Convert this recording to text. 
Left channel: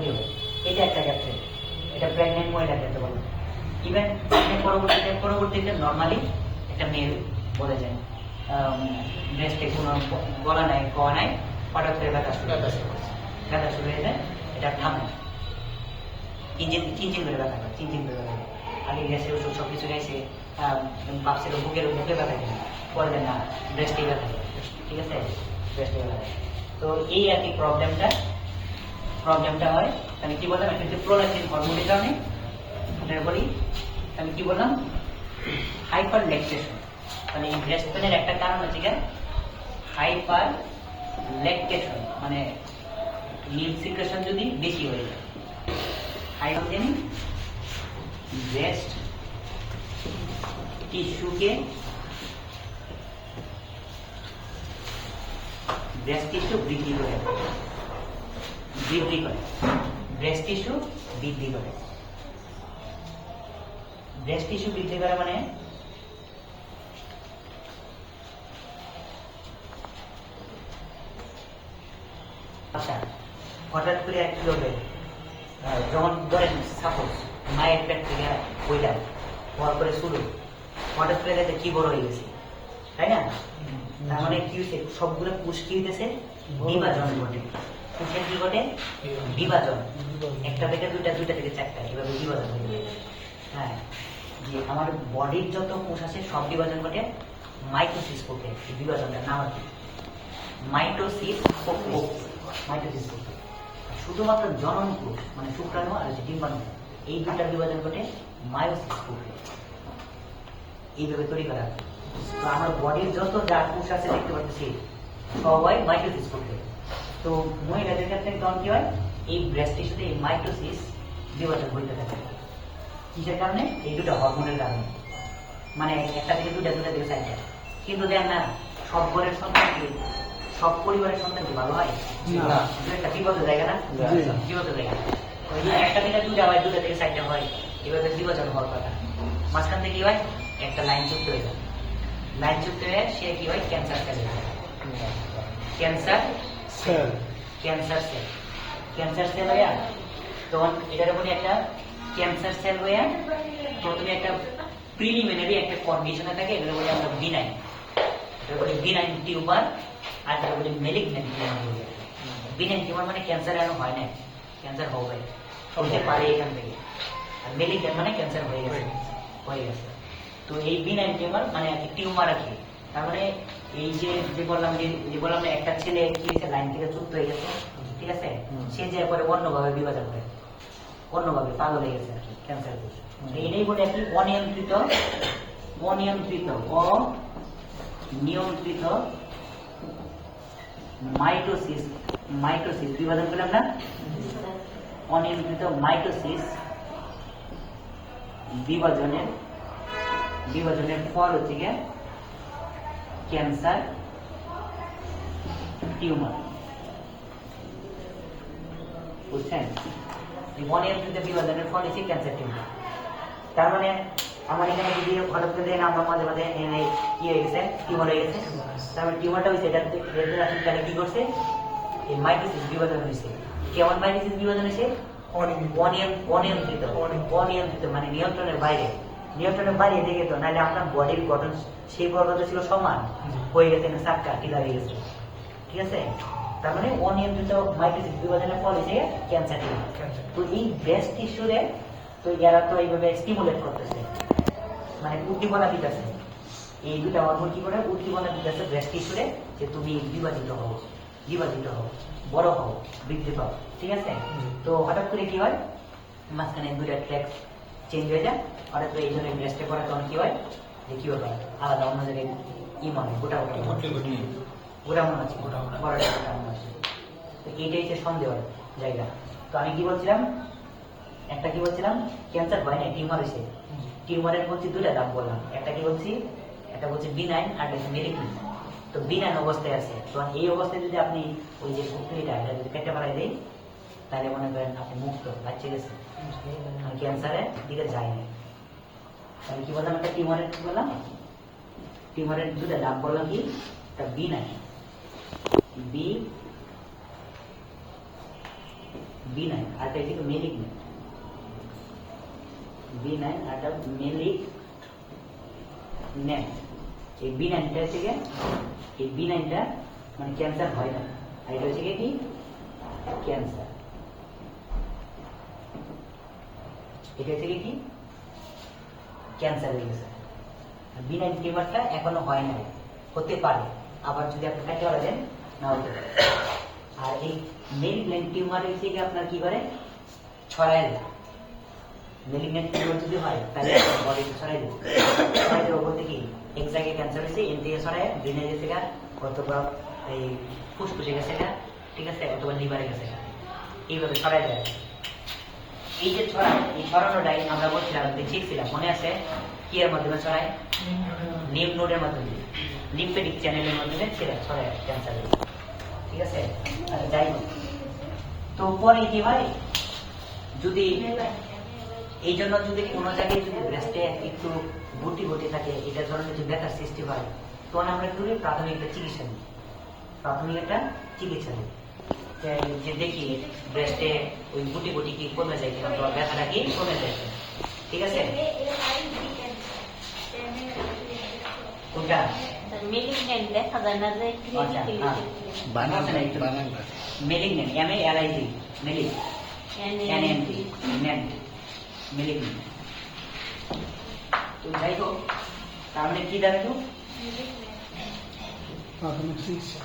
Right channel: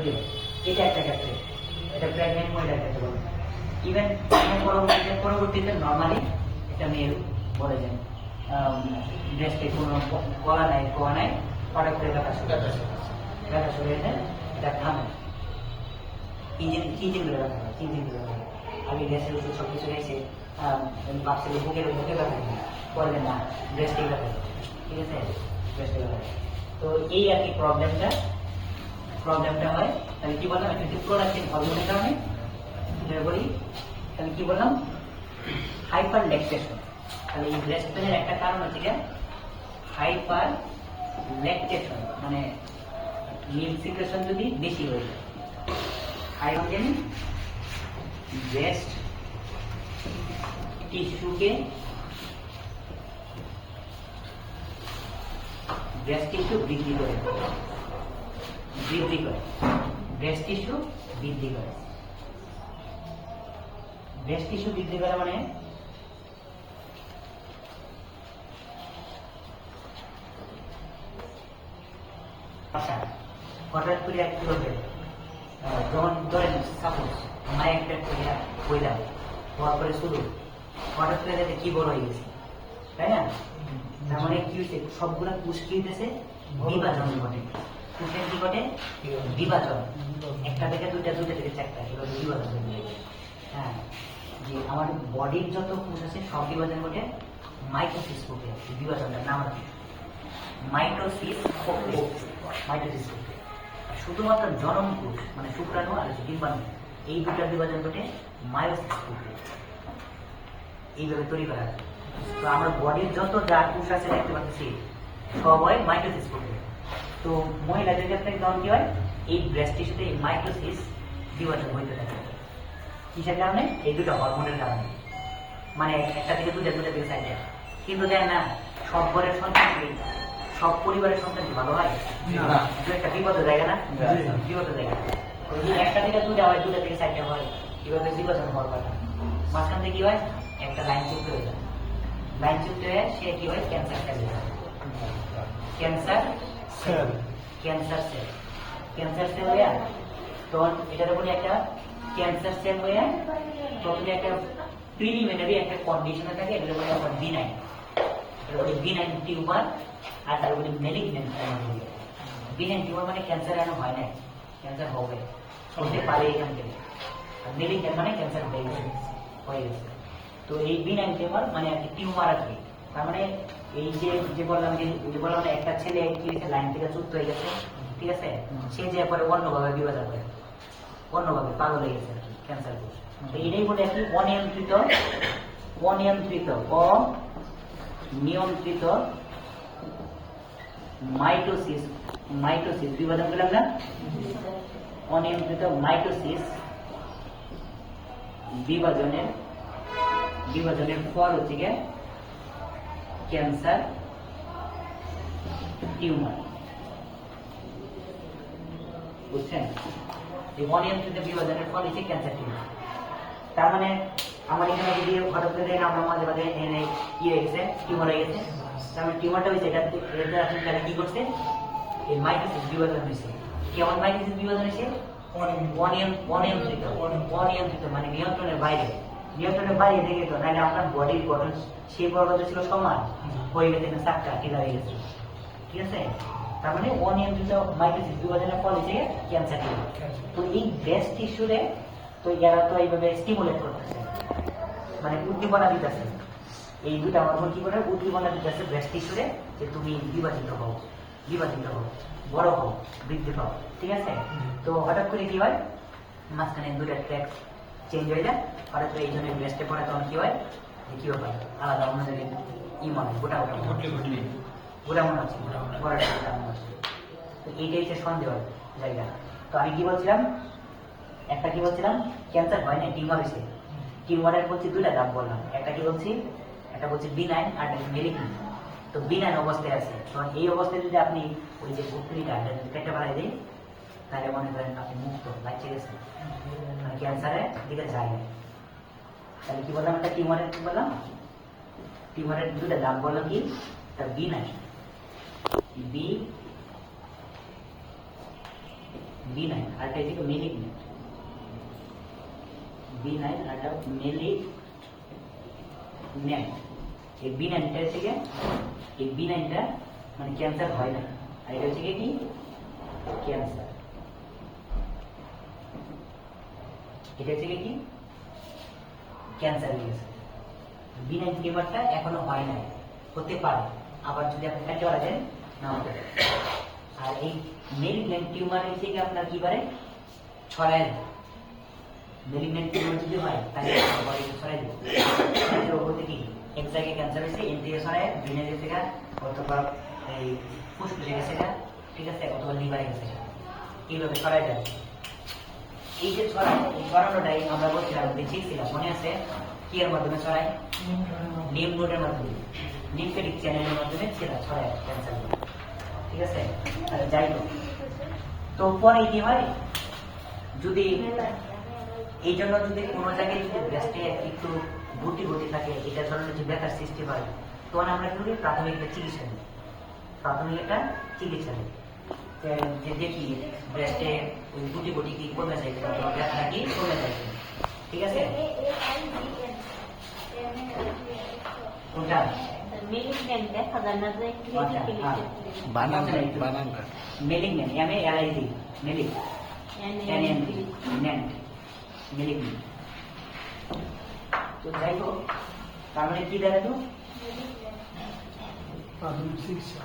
তৈরি হয়। এটা একটা ক্ষেত্রে, এটা প্রেগনেন্ট মহিলার ক্ষেত্রে বলে। ইভেন পরবর্তীতে নর্মালি একটা মেয়ে বলে যায় ব্রেস্টে কোনো গলা নাই কওয়া নাই, হঠাৎ করে ব্যথা শুরু হয়ে যায়, এটা থামে তিন দিন ধরে ব্যথা করে, 3 দিন ধরে ব্যথা করে। আগে গ্যাসের ওষুধ সব কিছু গেছে, ভাবছিল বুকে ব্যথা করে, পরে না ব্রেস্টে ব্যথা করে, ঠিক আছে, ব্রেস্টে ব্যথা করে। তো এই আর কি প্রবলেমটা হয়। আমি কি বললাম, একটা প্রোলাকটিন হরমোনের কারণে এটার বলি। আমি কি বললাম, হাইপার ল্যাকটেশন। তাহলে এই ব্রেস্ট পেনের একটা কারণ হচ্ছে কি হাইপার ল্যাকটেশন, মানে মিল্ক সিক্রেশন যদি বেশি হয়ে যায়। হাইড্রোজেন ব্রেস্ট টিস্যুকে ব্রেস্ট টিস্যু বৃদ্ধি করে, ব্রেস্ট টিস্যু বৃদ্ধি করে। ব্রেস্ট টিস্যু বৃদ্ধি করে মানে আচ্ছা, হঠাৎ করে কি হবে, যখন ধরেন সাপোজ মায়ের পেট থেকে বইলাম, হওয়ার পরে শুরু হঠাৎ করে দেখে কি বড় হয়ে গেছে, তাই না? তার মানে কি হচ্ছে, সবগুলো কোষ কি হইতেছে, বিভাজন ঘটে। কোষের কি ঘটে, বিভাজন। একটা থেকে দুইটা, দুইটা থেকে চারটা, এভাবে বিভাজন হয়ে যায়। হ্যাঁ, যে আমার বডির যত কোষ আছে সব বিভাজন ঘটে মাইটোসিস করতে। বিভাজনটার নাম কি? মাইটোসিস করতে। শুধুমাত্র জনন কোষ মানে শুক্রাণু আর ডিম্বাণু, এই দুটার বিভাজন ঘটে মায়োসিস করতে। এইভাবে তৈরি করা হয়। তো আমরা বডির যত যা কোষ আছে দেখতে পাচ্ছি সবাই মাইটোসিস করতে। তো মহিলাদের ক্ষেত্রে তখন কি হয়, এই ব্রেস্ট টিস্যুতে এই মাইটোসিস বিভাজন হইতে থাকে। কিসের কারণে? এই দুটো হরমোনের কারণে। মানে একটা থেকে দুটা, দুটা থেকে চারটা। কিন্তু দেন না, সব ঘরের সন্তান কি, সব পরিবারের সন্তান কি ভালো হয়? একটা বিপদ জায়গা না, বিপদ জায়গা। একটা থেকে দুটা হয়, দুটা থেকে চারটা হয়, এভাবে বিভাজন হওয়ার কথা। মাঝখান থেকে কি হয়, একটা লাইন যুক্ত হয়ে যায়। লাইন যুক্ত হয়ে সে কি হয়, ক্যান্সার সেল হয়ে যায়। ক্যান্সার সেল হয়ে তখন এটার উপরে একটা ক্যান্সার সেল হয়ে প্রথমে একটা প্রিলিমিনারি একটা কন্ডিশনে থাকে, এগুলো বলে আমরা বিনাইন। এটা বলে বিনাইন টিউমার, আর এটা বলে ম্যালিগন্যান্ট টিউমার। বিনাইন টিউমার মানে ক্যান্সার এখনো হয় না, ক্যান্সার হবে, হতে পারে এখান থেকে। আর ম্যালিগন্যান্ট মানে ক্যান্সার হয়ে গেছে। তো এই বিনাইন টিউমার মানে আর কি টিউমার আর কি। তার মানে এই যে বললাম না, একটা ছেলে কি হয়েছে, লাইন থেকে যুক্ত হয়ে গেছে, ঠিক আছে, সে যে পরে অন্যভাবে বিভাজন করে, অন্যভাবে পাগল হয়ে গেছে আর কি, ক্যান্সার। এটাই বলে আর কি অনিয়ন্ত্রিত মাইটোসিস বিভাজন করলাম না, অনিয়ন্ত্রিত মাইটোসিস বিভাজনের পর হচ্ছে গিয়ে ক্যান্সার টিউমার। বুঝছেন? এই অনিয়ন্ত্রিত বিভাজনের ফল হচ্ছে ক্যান্সার টিউমার। তার মানে আমার এখানে যদি হঠাৎ করে আমরা মাঝে মাঝে কি হয়ে গেছে, টিউমার হয়ে গেছে, তার মানে টিউমারটা হয়েছে, এটা কি করছে, এই মাইটোসিস বিভাজন হয়েছে। কেমন মাইটোসিস বিভাজন হয়েছে? অনিয়ন্ত্রিত মানে নিয়ন্ত্রণের বাইরে দিকে তো, নাহলে আপনার বডির গঠন সেই পর্যন্ত ছিল সমান, হয়ে গেছে চাক্কা টিকা হয়ে গেছে, ঠিক আছে। তার মানে অনিয়ন্ত্রিত মাইটোসিস বিভাজনের ফল হচ্ছে ক্যান্সার টিউমার। তো এই ব্রেস্ট টিস্যুরে তো এরা তো এইভাবে স্টিমুলেট করতেছে, মানে উদ্দীপনা দিতেছে। এই দুটা হরমোন কি করে উদ্দীপনা দিতেছে ব্রেস্ট টিস্যুরে, যে তুমি বিভাজিত হও, বড় হও, বৃদ্ধি পাও, ঠিক আছে। তো হঠাৎ করে কি হয়, মাঝখানে দুটা ট্র্যাক চেঞ্জ হয়ে যায়, হঠাৎ করে এই জন্য ব্রেস্টে পরে তখন কি হয়, যে কি ব্যাপার আলাদা অন্য জায়গায় মনে গোটা মনে হচ্ছে, তো এইটাই হচ্ছে সন্দেহ জায়গা। তো আমি কি বলছিলাম, ক্যান্সার হয় না, টিউমার হয়েছে। টিউমারের বলছি দুটা দাম বললাম, একটা বলছি বিনাইন আর মেলিগন্যান্ট। তো বিনাইন অবস্থায় আছে, তো এই অবস্থায় যদি আপনি ওই যে গুপ্তলিটা যদি কেটে বাড়াই দেয়, তাহলে মনে করেন আপনি মুক্ত, বাঁচে গেছেন, আর ক্যান্সারের দিকে যায় না। তাহলে কি বললাম, একটা টিউমারের দুটা দাম বললাম, কি একটা B9 আর এটা হচ্ছে মেলিগনেন্ট B9 আর এটা মেলিগনেন্ট এই B9 টা হচ্ছে কি এই B9 টা মানে ক্যান্সার হয় না আর এটা হচ্ছে কি ক্যান্সার এটা হচ্ছে কি ক্যান্সার হয়ে গেছে B9 টিউমারটা এখনো হয় নাই হতে পারে আবার যদি আপনি কাটতে পারেন না হতে পারে আর এই মেলিগন্যান্ট টিউমার হচ্ছে কি আপনার কি করে ছড়ায় দেয় মেলিগন্যান্ট টিউমার যদি হয় তাহলে বডিতে ছড়ায় দেবে ছড়ায় দেওয়া বলতে কি এক জায়গায় ক্যান্সার হয়েছে এন থেকে ছড়ায় ব্রেনে গেছে গা অথবা এই ফুসফুসে গেছে গা ঠিক আছে অথবা লিভারে গেছে গা এইভাবে ছড়ায় দেয় এই যে ছড়ায় এই ছড়ানোটাই আমরা বলছিলাম শিখছিলাম মনে আছে কি এর মাধ্যমে ছড়ায় লিম্ফ নোডের মাধ্যমে লিম্ফেটিক চ্যানেলের মাধ্যমে ছড়ায় ক্যান্সার ঠিক আছে যাই হোক তো পরে কি হয় যদি এই জন্য যদি কোনো জায়গায় যদি ব্রেস্টে একটু গুটি গুটি থাকে এটা ধরনের যদি ব্যথার সৃষ্টি হয় তখন আমরা কি করি প্রাথমিক একটা চিকিৎসা নিই প্রাথমিক একটা চিকিৎসা নিই যে দেখি ব্রেস্টে ওই গুটি গুটি কি কমে যায় কিনা অথবা ব্যথাটা কি কমে যায় কিনা ঠিক আছে কোনটা মেলিগন্যান্ট দেখা যায় না যে মেলিগন্যান্ট MALIG মেলিগন্যান্ট মেলিগন্যান্ট তো যাই হোক তার মানে কি দাঁড়ালো প্রাথমিক চিকিৎসা